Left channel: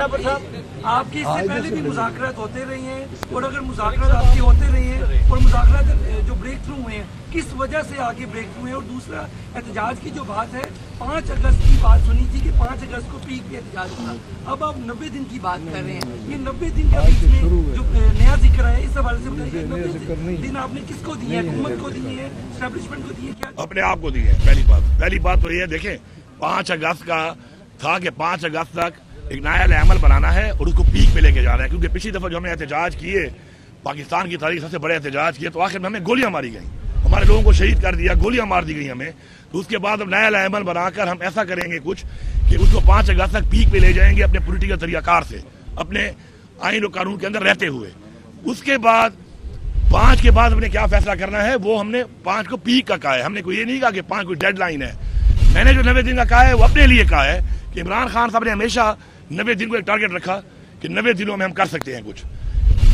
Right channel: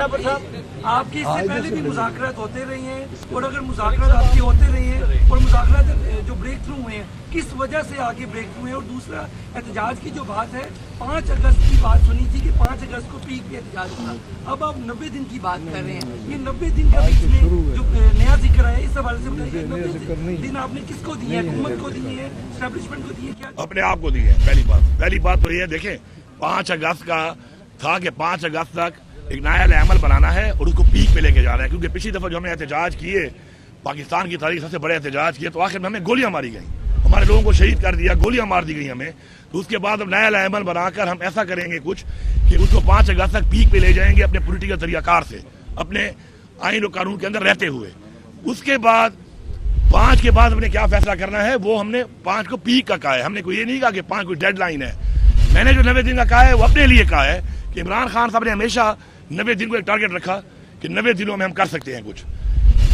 आपकी इससे पहले भी मुज़ाकरात होते रहे हैं और अगर मुज़ाकरात आपकी होते रहे हैं और मुज़ाकरात जो ब्रेक थ्रू हुए हैं किस वजह से आगे ब्रेक थ्रू है। और दूसरा एहतजाज की जो बात है 5 अगस्त की बात सुनी थी कि 5 अगस्त को पीक पे एहतजाज होगा, अब आप 90 दिन की बात कर रहे हैं। ये 90 दिन का बीच में जो नया जिक्र है इस हवाले से बताइए 90 दिन आपने किसको दिए हैं, हुकूमत को दिए हैं, एस्टेब्लिशमेंट को दिए, क्या अपने आप को दिए। पहली बात तो ये देखें 5 अगस्त का था कि 5 अगस्त तक एक नया अमल बनाना है और उसको पीक पे लेके जा रहा है। क्योंकि पिछली दफा जो हमने एहतजाज किए पाकिस्तान की तारीख सबसे बड़े एहतजाज किए तो आखिर में हमें गोलियां मारी गई, हमारे लोगों को शहीद कर दिया, गोलियां मार दी गई हमें। तो उसके बाद अब नया अमल बनाकर हम ऐसा करेंगे कुछ कि उसको 5 अगस्त तक पीक पे ले जाएंगे अपने पॉलिटिकल तरीकाकार से, अपने आइन और कानून के अंदर रहते हुए। उसके बाद 5 के बाद हमने क्या फैसला करना है वो हमने 5 को पीक का कहा है। हमने कोई ये नहीं कहा कि 5 कोई डेडलाइन है। मैंने जो 90 दिन का कहा है वो अपने लिए कहा है कि इमरान खान साहब ने हमेशा 90 दिन को एक टारगेट रखा कि 90 दिनों में हम कर सकते हैं कुछ।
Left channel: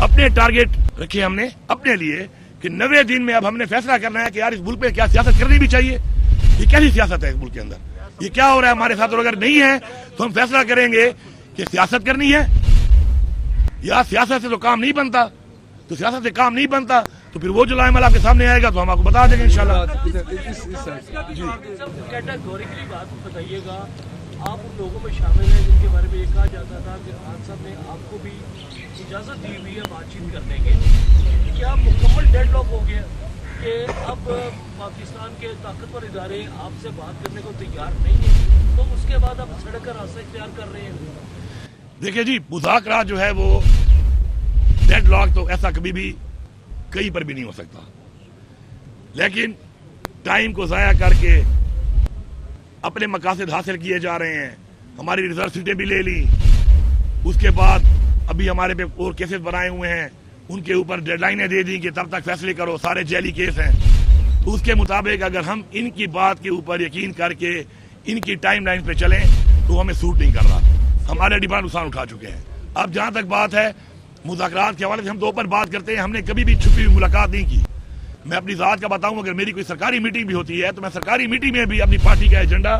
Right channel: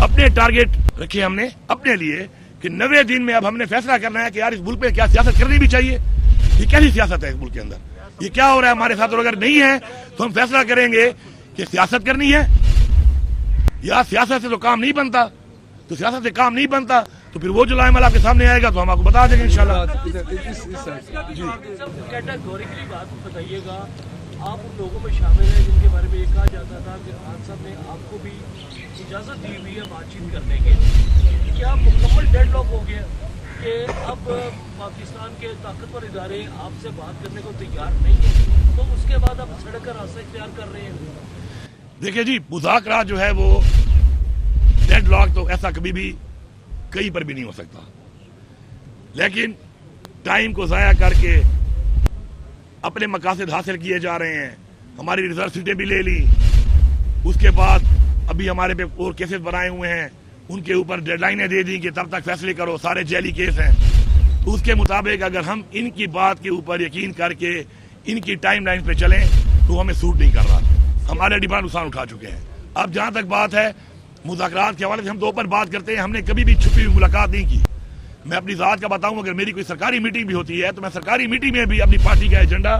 अपने टारगेट रखे हमने अपने लिए कि 90 दिन में अब हमने फैसला करना है कि यार इस मुल्क में क्या सियासत करनी भी चाहिए, ये कैसी सियासत है इस मुल्क के अंदर, ये क्या हो रहा है हमारे साथ। और अगर नहीं है तो हम फैसला करेंगे कि सियासत करनी है या सियासत से तो काम नहीं बनता। तो सियासत से काम नहीं बनता तो फिर वो जो अमल आपके सामने आएगा तो हम आपको बता देंगे इंशाल्लाह। कैटेगोरिकली बात बताइएगा, आप उन लोगों में शामिल हैं जिनके बारे में ये कहा जाता था कि खान साहब ने आपको भी इजाज़त दी हुई है बातचीत करने की, क्या मुकम्मल डेडलॉक हो गया कि अब पाकिस्तान के ताकतवर इदारे आपसे बात करने को तैयार नहीं है, तो उसके बाद आप सड़क का रास्ता इख्तियार कर रहे हैं? देखिए जी, मुज़ाकरात जो है वो डेडलॉक तो ऐसा कभी भी कहीं पर भी नहीं हो सकता, लेकिन टाइम को ज़ाया करके अपने मकासद हासिल किए जा रहे हैं। हमारी रिजर्व सीटें भी ले ली, उसके बाद अभी हमारे पे और केसेस बनाए हुए हैं, उनके ऊपर डेडलाइनें दे दी कि तब तक फैसले करो, सारे जेली केस हैं। तो उसके मुताबिक अगर हम इनकी बात के ऊपर यकीन करके इनकी टाइम लाइन पे चलें तो हमें सूट नहीं कर रहा। हमारे डिमांड नुकसान उठा चुके हैं। अब जहाँ तक बात है मुज़ाकरात के हवाले से, हम दो पर बात करते हैं, हमने कभी भी छुपी हुई मुलाकात नहीं की। मैं अपनी ज़ात का बताऊं, अगर मेरी कोई सरकारी मीटिंग भी होती है तो मैं सरकारी मीटिंग में भी अपनी पार्टी का एजेंडा,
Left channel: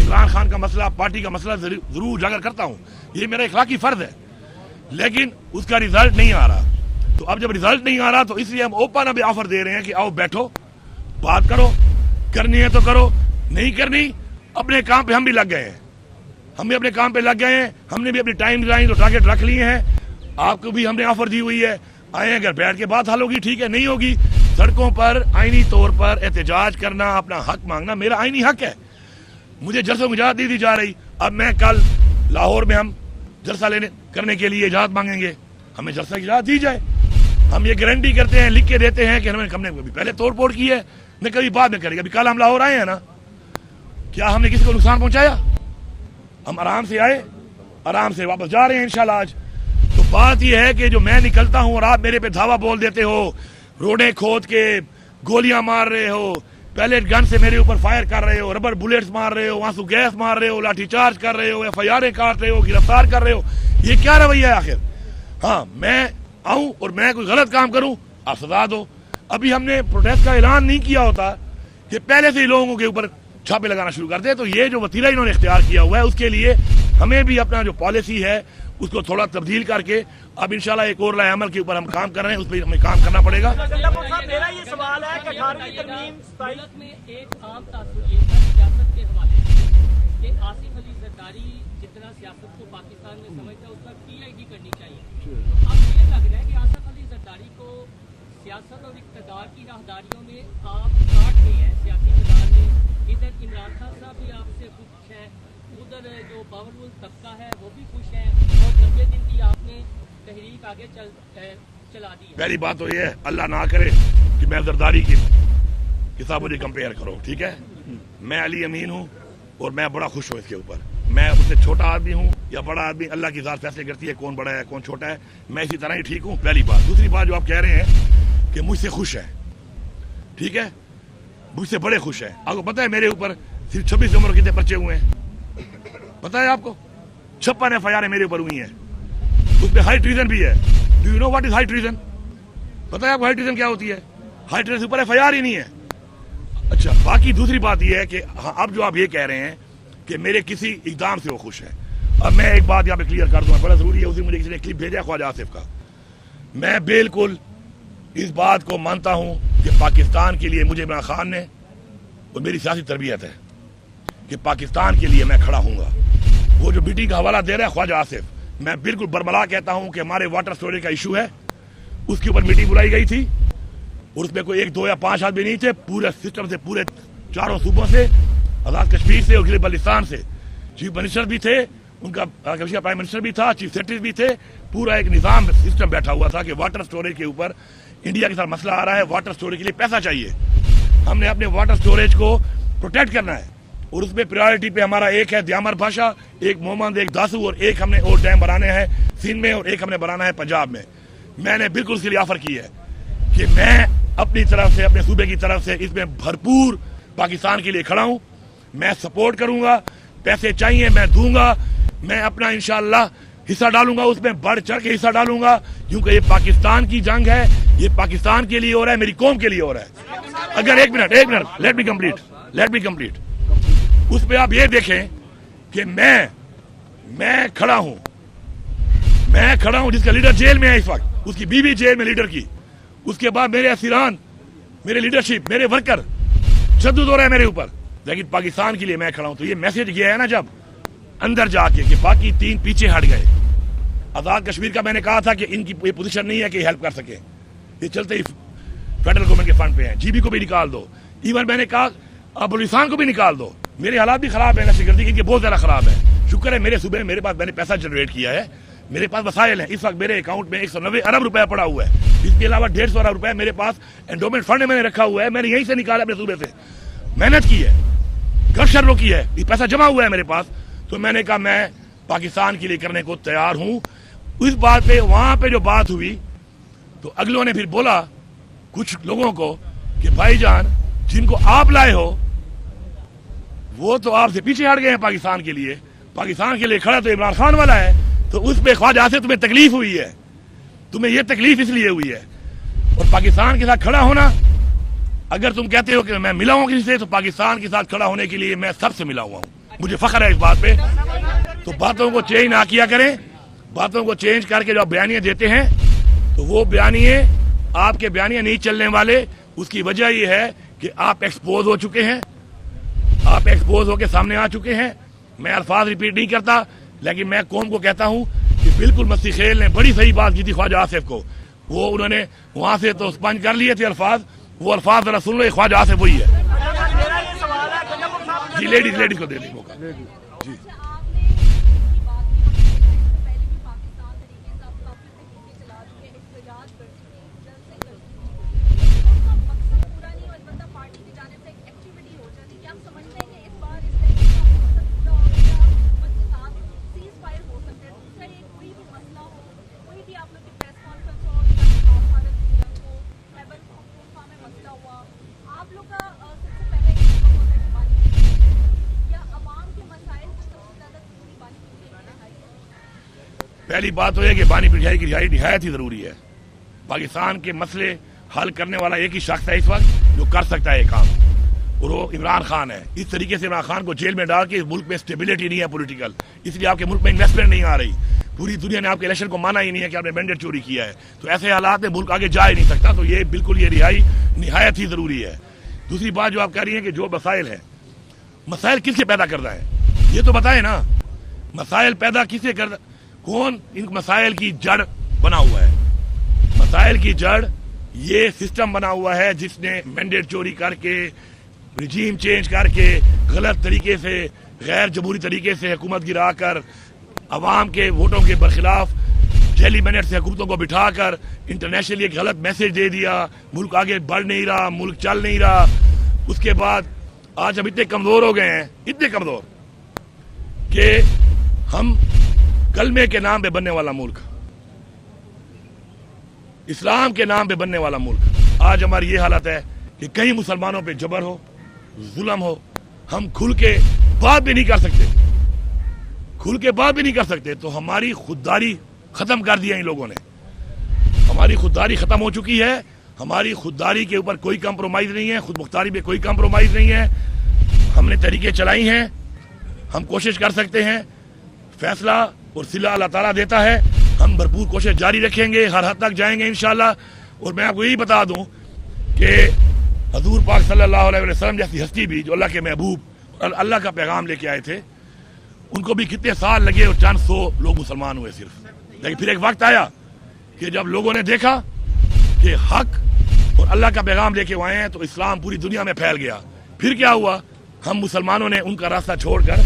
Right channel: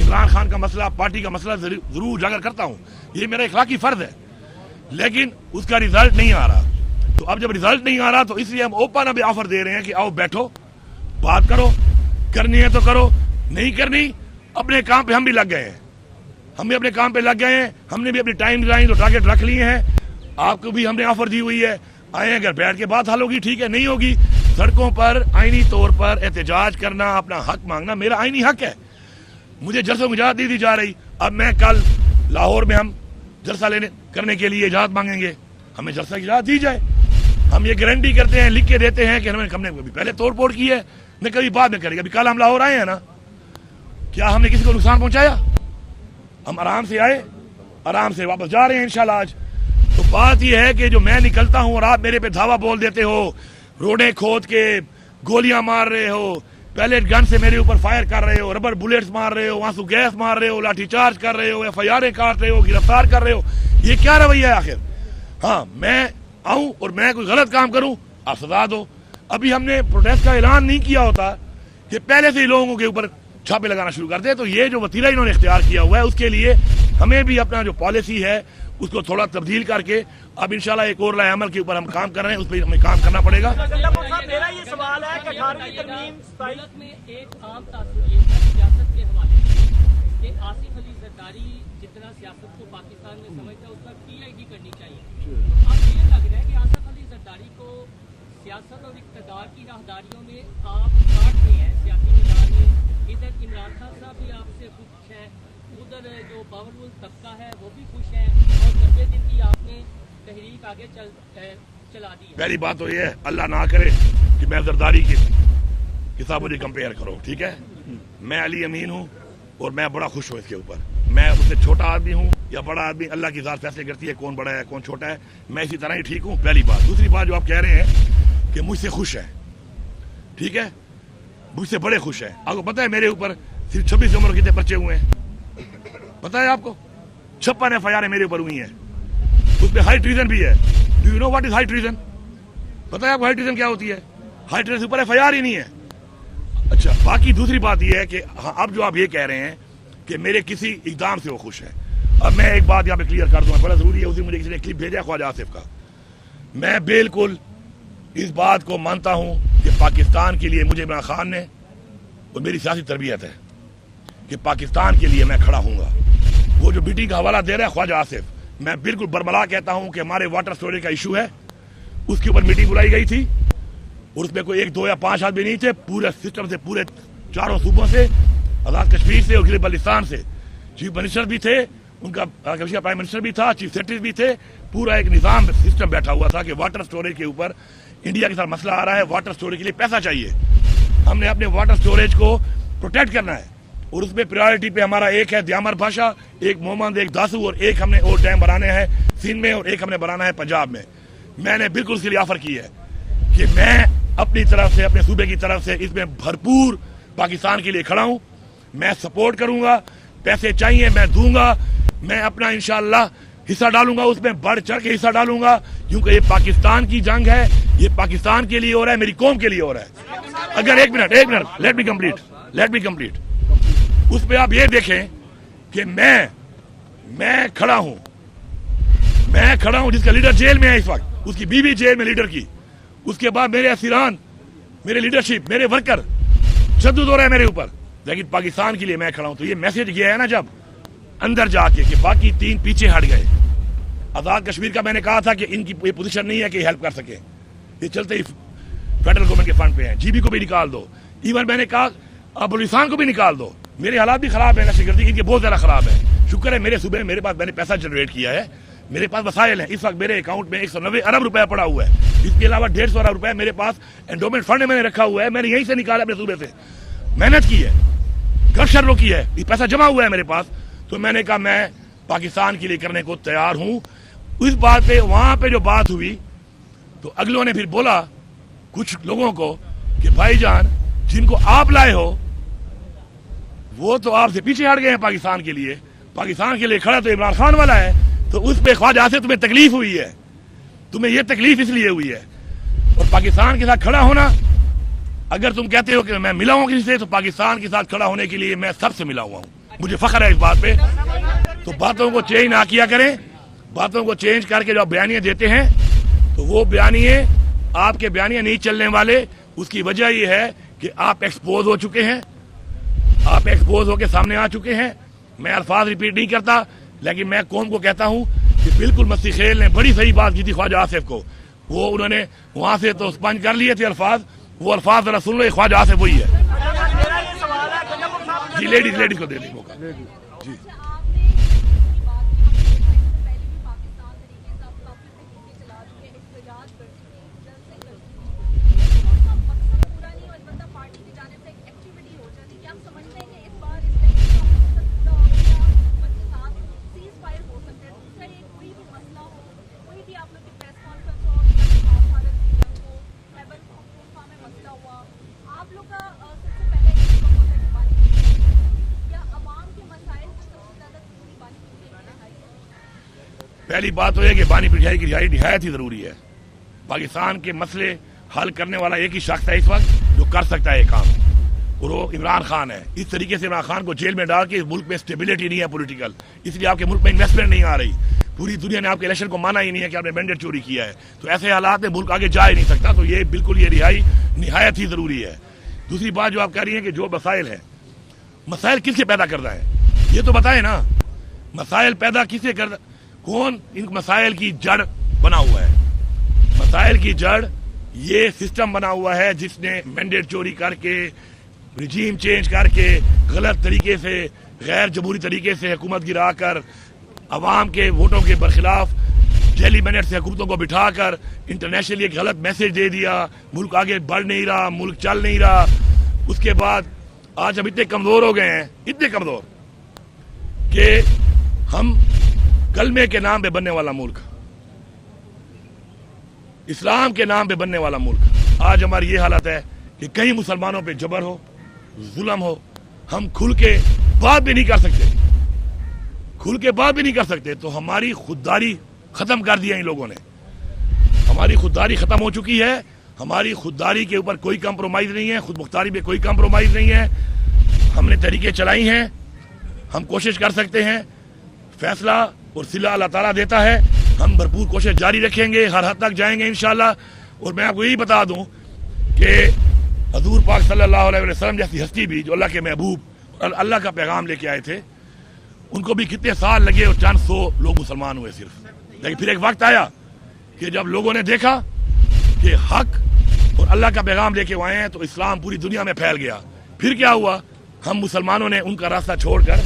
इमरान खान का मसला, पार्टी का मसला जरूर उजागर करता हूं। ये मेरा इखलाकी फर्ज है, लेकिन उसका रिजल्ट नहीं आ रहा। तो अब जब रिजल्ट नहीं आ रहा तो इसलिए हम ओपन अभी ऑफर दे रहे हैं कि आओ बैठो, बात करो, करनी है तो करो, नहीं करनी अपने काम पे हम भी लग गए हैं। हम भी अपने काम पे लग गए हैं, हमने भी अपनी टाइम लाइन और टारगेट रख लिए हैं। आपको भी हमने ऑफर दी हुई है, आए अगर बैठ के बात हल होगी ठीक है, नहीं होगी सड़कों पर आईनी तौर पर एहतजाज करना, अपना हक मांगना मेरा आईनी हक है। मुझे जलसों की इजाजत दी जा रही। अब मैं कल लाहौर में हम जलसा करने के लिए इजाजत मांगेंगे, हमें जलसा की इजाजत दी जाए। हम ये गारंटी करते हैं, लिख के देते हैं कि हमने कभी पहले तोड़ फोड़ की है, न कभी बाद में करेंगे। अभी कल हम लाहौर आए हैं ना, क्या हमने किसी को नुकसान पहुंचाया? हम आराम से आए, आराम से वापस जा रहे हैं इंशाल्लाह आज। तो बात यह है कि जो मैं निकलता हूं और आप मेरे पे धावा बोल देते हो, रोडे खोद के गोलियां मार रहे हो, पैलेट गन से मेरे ऊपर फायर कर रहे हो, रबर बुलेट्स मार रहे हो, आंसू गैस मार रहे हो, लाठीचार्ज कर रहे हो, FIR काट रहे हो, गिरफ्तार कर रहे हो, ये क्या रवैया है आखिर? हाँ, मैं आऊं और मैं कोई गलत काम करूं आप सजा दो। अभी हमने प्रोटेस्ट का ऐलान नहीं किया होता कि पहले से ही लोगों के ऊपर छापे लगाना शुरू कर दे। तो ये जो वतीरा इन्होंने इख्तियार किया हुआ है उसके लिए हमें भी अपना जो पॉलिसी है उसको थोड़ा तब्दील करके अब इंशाल्लाह एक और नए अमल के ऊपर हम काम कर रहे हैं, उस पर हमें काम करना पड़ेगा। मेरा ये सवाल है कि 18वीं तरमीम में एक आम तासुर ये था सियासत के हवाले से कि आसिफ अली जरदारी जितना सियासत को पाकिस्तान में समझता है उसका PID करनी चाहिए। अब ये लग रहा है कि आसिफ अली जरदारी को सियासत और इक़्तिदार की राहदारियों में आप काट रहे हैं सियासी मैदान में। इधर इमरान खान साहब भी आपसे खुश है, उधर जो पावरफुल तबका है वो भी खुश है, और 90 दिन की आपने तहरीक आगे चला दी है। पहली बात तो ये है, अल्लाह ना करे कि मैं जरदारी की साहब मुझे कंपेयर करो, ठीक है? मैं अली अमीन हूँ और मैं बड़ा खुश हूँ इसके ऊपर। मैं उससे छोटा आदमी हूँ या बड़ा आदमी, अल्लाह की ज़ात फैसले करती है कौन बड़ा है कौन छोटा है। मैं इसी तरह ही ठीक हूँ, पहली बात। दूसरी बात जो आप कह रहे हैं कि मुझसे खुश है, ठीक है, मुझसे बड़े खुश है। आपको पता है मेरे ऊपर सिर्फ 26 उम्र कितने पर्चे हुए हैं पता है आपको? 56 FIR मेरे ऊपर हुई है, उसमें हाई ट्रीजन भी है। Do you know what is high treason? पता है आपको हाई ट्रीजन क्या होती है? हाई ट्रीजन ऊपर FIR ही नहीं है। अच्छा, बाकी दूसरी बात यह है कि हाँ, अब जो आप ये कह रहे हैं कि मेरे किसी इकदाम से वो खुश है, اب میں ایک بات یہاں پہ کلیئر کر دوں، بڑا ضروری ہے، اس دن مجھے کسی نے کلپ بھیجا خواجہ آصف کا. میں بالکل اس بات کو مانتا ہوں کہ پاکستان کے لیے مجھے عمران خان نے، اور میری سیاسی تربیت ہے کہ پاکستان کے لیے میں کھڑا ہوں گا. وہ جو میٹنگ کا حوالہ دے رہا ہے خواجہ آصف، میں بالکل برملا کہتا ہوں کہ ہمارے واٹر اسٹوریج کا ایشو ہے، اس کے اوپر میٹنگ بلائی گئی تھی اور اس میں کوئی 1 2 یا 5 آدمی نہیں تھے، پورے سسٹم سے، پورے 4 صوبوں سے، آزاد کشمیر سے اور گلگت بلتستان سے. چیف منسٹر بھی تھے، ان کا پرائم منسٹر بھی تھا، چیف سیکرٹری بھی تھے. پورا ایک نظام سسٹم بیٹھا ہوا تھا کہ واٹر اسٹوریج کے اوپر انڈیا کے ساتھ مسئلہ آ رہا ہے، واٹر اسٹوریج کے لیے پیسہ چاہیے، ہم نے اپنے واٹر اسٹوریج کو پروٹیکٹ کرنا ہے. اور اس میں پریورٹی پہ ہمارا ایک ہے دیامر بھاشا، ایک محمد، ایک داسو، اور ایک ہم نے اور ڈیم بنانے ہیں سندھ میں اور ایک ہم نے بنانا ہے پنجاب میں. میں نے بالکل اس کے لیے آفر کی ہے کہ میں اپنی طرف سے، اپنے صوبے کی طرف سے اس میں بھرپور پاکستان کے لیے کھڑا ہوں. میں سپورٹ کروں گا، پیسے چاہیے میں دوں گا، میں اپنا انشاءاللہ حصہ ڈالوں گا، اس میں بڑھ چڑھ کے حصہ ڈالوں گا، کیونکہ یہ پاکستان کی جنگ ہے، یہ پاکستان کے لیے ہو رہا ہے، میری قوم کے لیے ہو رہا ہے. اگر ایک منٹ لیٹ می کمپلیٹ اس پہ آپ یہ دیکھیں کہ میں کھڑا ہوں جس کا لیڈر جیل میں ہے اس وقت، اس کی بیوی جیل میں لیڈر کی، اس کے بعد میرے اسیران، میرے لیڈرشپ، میرے ورکر تشدد ہو رہا ہے میرے اوپر، لیکن پاکستان کے لیے میں کھڑا ہوں. تو یہ میسج گیا ہے نا جب اندر جا کے کہ باقی 3 پیچھے ہٹ گئے. آزاد کشمیر کا میں نے کہا تھا کہ ان کی یہ پوزیشن نہیں ہے کہ ہیلپ کر سکے، یہ چلتے ہی فیڈرل گورنمنٹ کے فنڈ پہ ہیں. جی بی کو بھی نکال دو، ایون میں نے کہا اب بلوچستان کو بھی نکال دو. میرے حالات بھی خراب ہیں، نشہ گردی کی بہت زیادہ خراب ہے. شکر ہے میرے صوبے میں میرے پاس، میں نے پیسہ جنریٹ کیا ہے، میرے پاس وسائل ہیں. اس وقت میرے اکاؤنٹ میں 190 ارب روپے پڑا ہوا ہے. اس کے علاوہ 150 ارب روپے میرے پاس انڈومنٹ فنڈ میں نے رکھا ہوا ہے. میں نے یہیں سے نکالا اپنے صوبے سے، محنت کی ہے، گھر شر روکی ہے، یہ پیسہ جمع ہوا ہے میرے پاس. تو میں نے کہا میں پاکستان کے لیے کرنے کو تیار ہوں. اس بات پہ وہاں پہ جو بات ہوئی تو اگلوں نے پھر بولا کچھ لوگوں کو کہ بھائی جان جن کو آپ لائے ہو وہ تو آپ سے پیچھے ہٹ گئے ہیں پاکستان کے لیے کھڑا تو عمران خان والا ہے. تو اس پہ خواجہ سے تمہیں تکلیف ہوئی ہے، تمہیں یہ تکلیف اس لیے ہوئی ہے. اور پاکستان کے ساتھ کھڑا ہونا، اگر تم کہتے ہو کہ میں ملا ہوں کسی سے، تو پاکستان کے ساتھ کھڑا ہونے کے لیے میں سب سے ملا ہوا ہوں. مجھے فخر ہے اس بات پہ. تو باتوں کو چینج نہ کیا کریں، باتوں کو چینج کر کے جو آپ بیانیے دیتے ہیں تو وہ بیانیے آپ کے بیانیے نہیں چلنے والے. اس کی وجہ یہ ہے کہ آپ ایکسپوز ہو چکے ہیں، آپ ایکسپوز ہو کے سامنے آ چکے ہیں. میں الفاظ ریپیٹ نہیں کرتا، لیکن میں قوم کو کہتا ہوں کہ بالکل مستی خیل نے بڑی صحیح بات کی تھی خواجہ آصف کو. وہ انہوں نے وہاں سے تو اسپنج کر لیے تھے الفاظ، وہ الفاظ ذرا سن لو. خواجہ آصف وہی ہے. جی لیڈیز کو دے دیں موقع. جی پہلی بات تو یہ کہ بانی پٹھائی کی رہائی نہایت ہی ضروری ہے. پاکستان کے مسئلے حل کرنے والا ایک ہی شخص ہے اس وقت جو کر سکتا ہے یہ کام، اور وہ عمران خان ہے. اس طریقے سے عمران خان کو جیل میں ڈال کے اس ملک میں اسٹیبلٹی نہیں ہے پولیٹیکل، اس لیے آپ کے ملک میں انویسٹمنٹ نہیں آ رہی. پوری دنیا نے آپ کے الیکشن کو مانا ہی نہیں ہے کہ آپ نے مینڈیٹ چوری کیا ہے. تو ایسے حالات میں ملک آگے جا ہی نہیں سکتا. تو یہ بالکل یہ رہائی نہایت ہی ضروری ہے. دوسری بات جو آپ کہہ رہی ہیں کہ جو مسائل ہیں، مسائل کس کے پیدا کرتا ہے یہ تو بتائیں نا. مسائل پیدا کس سے کرتا، کون ان مسائل کی جڑ بنا ہوا ہے؟ مسائل کی جڑ یہ سسٹم بنا ہوا ہے جس نے مینڈیٹ چوری کر کے، رجیم چینج کر کے، غلط طریقے سے، غیر جمہوری طریقے سے حکومت گرا کر، عوام کے ووٹوں کے برخلاف جیلی مینٹ سے حکومتوں کو بٹھا کر انٹرنیشنلی ایک غلط میسج دے دیا. ملک آگے بڑھ نہیں رہا، ملک چل نہیں رہا. اس کے بعد آج ہم اتنے کمزور ہو گئے ہیں، اتنے کمزور کہ ہم کلمے کے نام پہ بننے والا ملک، اسلام کے نام پہ بننے والا ملک، آج ہماری یہ حالت ہے کہ کئی مسلمانوں پہ جبر ہو، ظلم ہو. ہم کھل کے بات بھی نہیں کر سکتے. تو ہماری خودداری ختم کر دیا ان لوگوں نے. ہماری خودداری ختم ہو چکی ہے. ہماری خودداری کے اوپر کوئی کمپرومائز نہیں ہے، خود مختاری پہ کوئی کمپرومائز نہیں ہے. ہم نے طریقے چلائی ہیں، ہم کوشش کر سکتے ہیں. फैसला और सिला अल्लाह ताला देता है। हम भरपूर कोशिश जारी रखेंगे, हर हद तक जाएंगे इंशाल्लाह। और मैं आपको यही बता दूं कि हजूर पाक सल्लल्लाहु अलैहि वसल्लम जैसी हस्ती भी जो अल्लाह के महबूब और अल्लाह का पैगाम लेके आए थे, उनको भी कितने साल लगे और चंद सौ लोग मुसलमान हुए सिर्फ। लेकिन फिर एक वक्त आया कि जब लोगों ने देखा कि हक और अल्लाह का पैगाम लेके आए हैं तो इस्लाम पूरी दुनिया में फैल गया। फिर क्या हुआ, हम मुसलमानों ने उनका रास्ता छोड़कर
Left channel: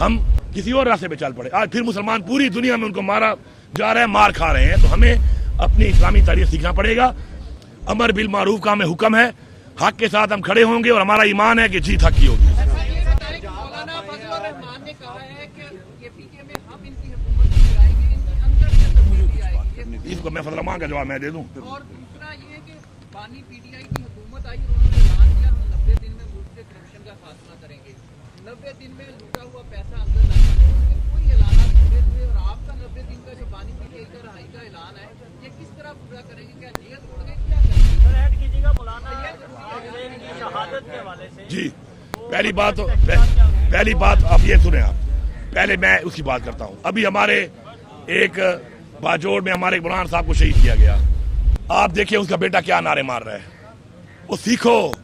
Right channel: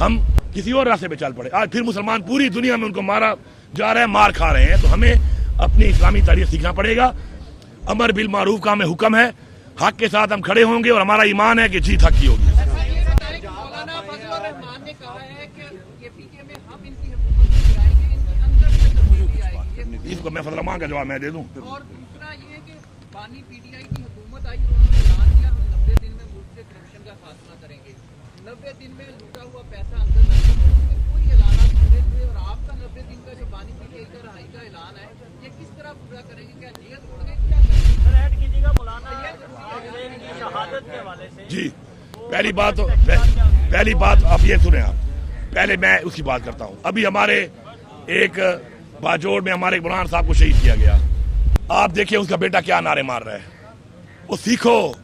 हम किसी और रास्ते पे चल पड़े। आज फिर मुसलमान पूरी दुनिया में उनको मारा जा रहे हैं, मार खा रहे हैं। तो हमें अपनी इस्लामी तारीख सीखना पड़ेगा। अमर बिल मारूफ का हमें हुक्म है, हक के साथ हम खड़े होंगे और हमारा ईमान है कि जीत हक की होगी। इसको मैं फजल रहमान का जवाब मैं दे दूं। और दूसरा ये कि बानी पीटीआई की हुकूमत आई और उन्होंने ऐलान किया हम 90 दिन में मुल्क के करप्शन का खात्मा करेंगे। 90 दिन में लूटा हुआ पैसा अंदर लाएंगे, उसमें कोई ऐलान पूरे हुए और आपका 90 दिन का जो बानी पीटीआई का रहाई का ऐलान है ये किस तरह पूरा करेंगे? क्या जेल छोड़ेंगे, क्या करेंगे? सर ऐड कीजिएगा मौलाना हुसैन की शहादत के हवाले से। जी पहली बात आप ये सुने। आप पहले मैं उसकी बात करता हूँ। अभी हमारे एक बाजोड़ में हमारे मौलाना साहब को शहीद किया गया। आप देखिए उसका बेटा क्या नारे मार रहा है। वो सीखो,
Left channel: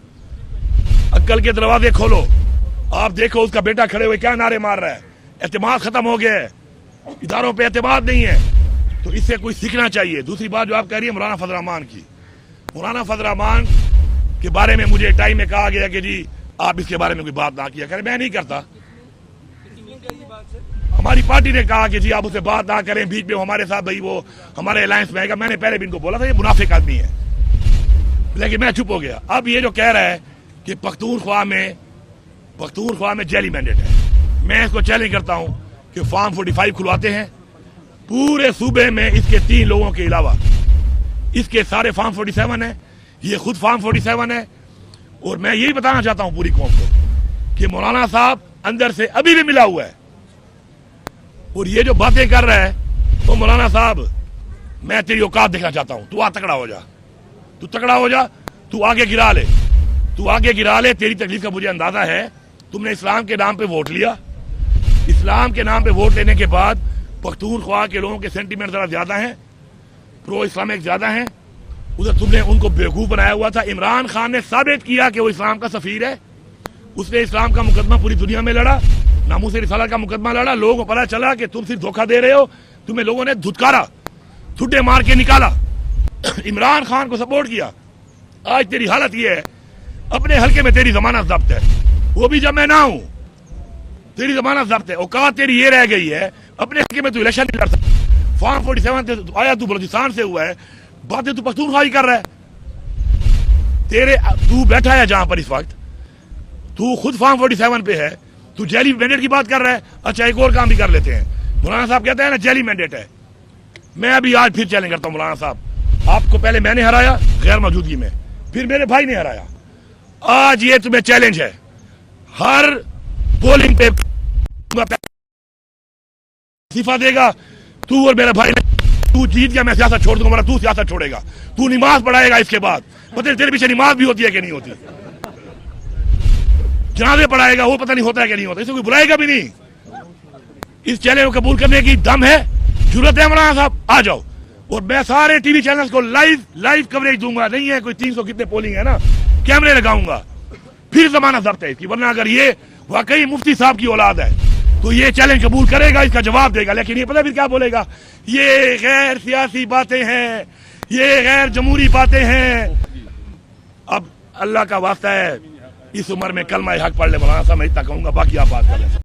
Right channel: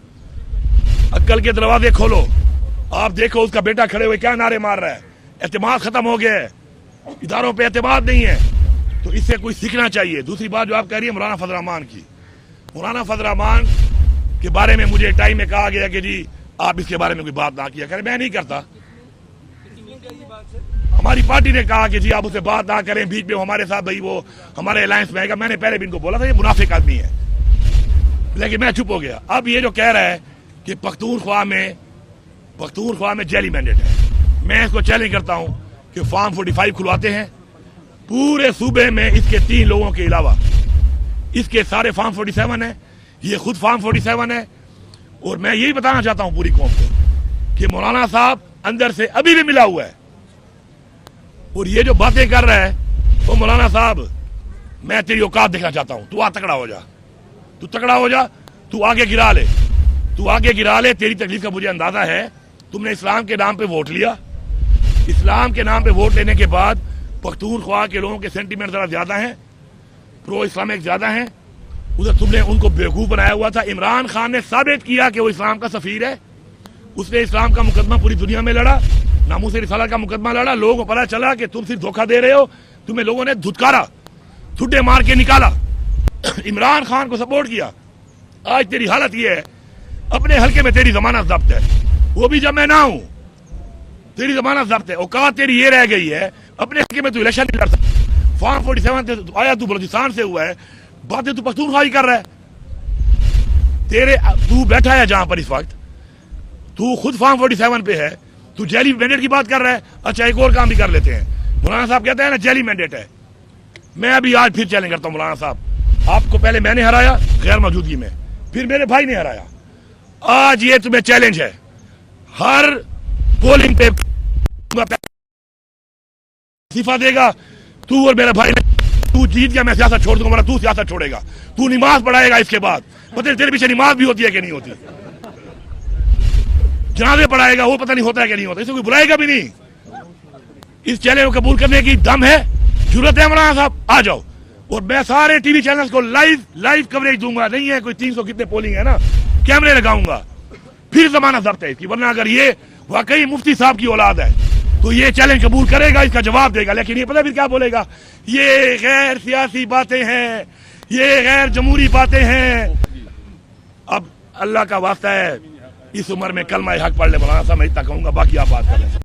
अक्ल के दरवाजे खोलो। आप देखो उसका बेटा खड़े हुए क्या नारे मार रहा है। एतमाद खत्म हो गया है, इदारों पे एतमाद नहीं है, तो इससे कोई सीखना चाहिए। दूसरी बात जो आप कह रही है मौलाना फजल रहमान की, मौलाना फजल रहमान के बारे में मुझे टाइम में कहा गया कि जी आप इसके बारे में कोई बात ना किया करें। मैं नहीं करता, हमारी पार्टी ने कहा कि जी आप उससे बात ना करें, बीच में हमारे साथ भाई वो हमारे अलायंस में आएगा। मैंने पहले भी इनको बोला था ये मुनाफिक आदमी है, लेकिन मैं चुप हो गया। अब ये जो कह रहा है कि पख्तूनख्वा में जेली मैंडेट है, मैं इसको चैलेंज करता हूं कि फॉर्म 45 खुलवाते हैं पूरे सूबे में। इसके 3 लोगों के अलावा इसके सारे फॉर्म 47 है, ये खुद फॉर्म 47 है। और मैं यही बताना चाहता हूं पूरी कौम को कि मौलाना साहब अंदर से अभी भी मिला हुआ है। और ये जो बातें कर रहा है, तो मौलाना साहब मैं तेरी औकात देखना चाहता हूं। तू तगड़ा हो जा, तू तगड़ा हो जा, तू आगे गिरा ले, तू आगे गिरा ले। तेरी तकलीफ का मुझे अंदाजा है। तुमने इस्लाम के नाम पे वोट लिया, इस्लाम के नाम पे वोट लेने के बाद पख्तूनख्वा के लोगों के सेंटीमेंट जरा ज्यादा हैं, प्रो इस्लामिक ज्यादा हैं। उधर तुमने उनको बेवकूफ बनाया हुआ था। इमरान खान ने साबित किया कि वो इस्लाम का सफीर है। उसने इस्लाम का मुकदमा पूरी दुनिया में लड़ा, नामूस रिसालत का मुकदमा लड़ा। लोगों को पता चला कि तुम सिर्फ धोखा दे रहे हो, तुम्हें लोगों ने धुतकारा, ठुड्डे मार के निकाला, इमरान खान को सपोर्ट किया। आज तेरी हालत ये है, अपने हल्के में तेरी जमानत जब्त है, वो भी जब मैं ना हूं, तेरी जमानत जब्त है। औकात तेरी ये रह गई है, अपने हल्के में तू इलेक्शन नहीं लड़ सकता। फॉर्म 47 से आया, तू बलूचिस्तान से हुआ है, बातें तू पख्तूनख्वाही कर रहा है। तू बैठा है जहां पर इस वक्त, तू खुद फॉर्म 47 पे है, तू जेली मैंडेट की बात कर रहा है। अच्छा एक और काम भी कर लेते हैं। मौलाना साहब कहते हैं ना जेली मैंडेट है। मैं अभी आज फिर चैलेंज करता हूं मौलाना साहब, आपको पहले मैंने हराया गैर मौजूदगी में, फिर मेरे भाई ने हराया। आज ये तुम्हें चैलेंज है, हर पोलिंग पे इस्तीफा देगा तू और मेरा भाई। तू जीत गया, मैं सियासत छोड़ दूंगा, तू सियासत छोड़ेगा, तू नमाज पढ़ाएगा। इसके बाद पता तेरे पीछे नमाज भी होती है कि नहीं होती, जनाजे पढ़ाएगा, वो पता नहीं होता है कि नहीं होता, इसे कोई बुलाएगा भी नहीं। इस चैलेंज को कबूल करने की दम है, जरूरत है मौलाना साहब, आ जाओ। और मैं सारे टीवी चैनल्स को लाइव कवरेज दूंगा। नहीं है कोई 300 कितने पोलिंग है ना, कैमरे लगाऊंगा। फिर जमानत जब्त है इसकी, वरना अगर ये वाकई मुफ्ती साहब की औलाद है तो ये चैलेंज कबूल करेगा, इसका जवाब देगा। लेकिन ये पता फिर क्या बोलेगा, ये गैर सियासी बातें हैं, ये गैर जमहूरी बातें हैं। अब अल्लाह का वास्ता है, इस उम्र में कलमा हक पढ़ ले मौलाना साहब, मैं इतना कहूंगा, बाकी आप बात कर लें।